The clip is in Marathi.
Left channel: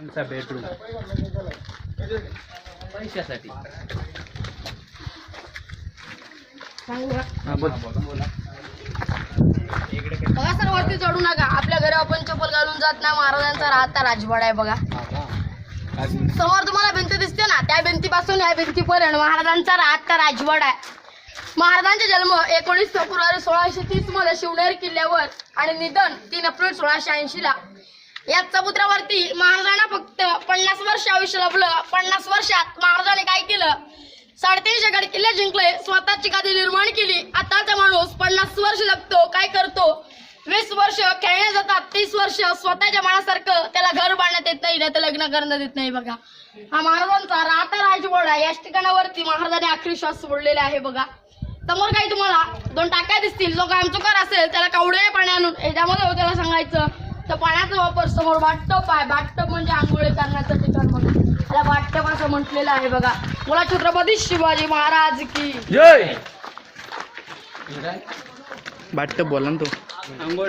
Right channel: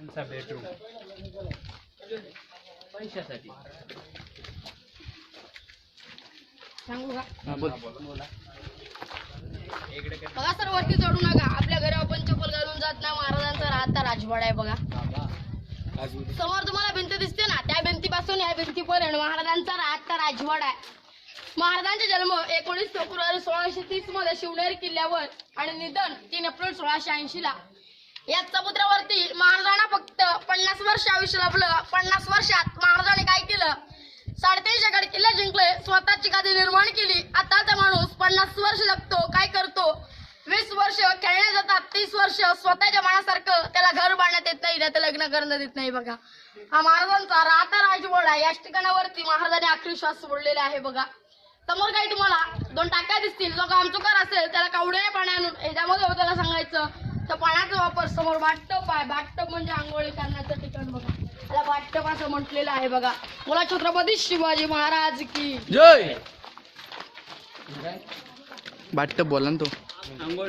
बेडरूम पैशासाठी बघा सर, वरती चढू नका. आपल्या घरी आपण चप्पल घालून जात नाही. महाराजांचा राहता राजवाडा आहे बघा. समोर तुम्हाला भिंत दिसते ना, त्या भिंतीपासून या भिंतीपर्यंत महाराजांचा राहता राजवाडा आहे. महाराजांचा जन्म 19 फेब्रुवारी 1630 मध्ये शिवनेरी किल्ल्यावर आणि निधन 3 एप्रिल 1680 ला. या समुद्रावरती महाराजांना फक्त 50 वर्ष आयुष्य लाभलं. 50 वर्षात महाराजांनी काय केलं? 350 गड किल्ले जिंकले, स्वतःची गादी निर्माण केली. आताचा माणूस 50 वर्ष लागतो, काय करतो? 20 वर्ष खेळण्यात जातात, 30 वर्ष स्वतःच्या मनासारखं त्याला घर बांधण्यात येत नाही, त्याला लग्न करण्यात येत नाही. बघा, हा महाराजांचा राहता राजवाडा. याच ठिकाणावरती महाराजांनी आखरी श्वास सोडलेला आहे. बघा, समोर काही तुम्हाला 2 टाक्या दिसतील. जो कामचुकार असेल त्याला कवडे पाणी आणून याच्यामध्ये त्याला सांगायचं. तर पाण्याचा वापर समोर बाथटब आहे. बाथटब म्हणजे आंघोळ करण्याचं ठिकाण. बघा, त्याला बाथटब असं म्हटलेलं आहे. बघा, मला छत्रपती शिवाजी महाराज की जय. बाथटब बोला ना तो. आंघोळ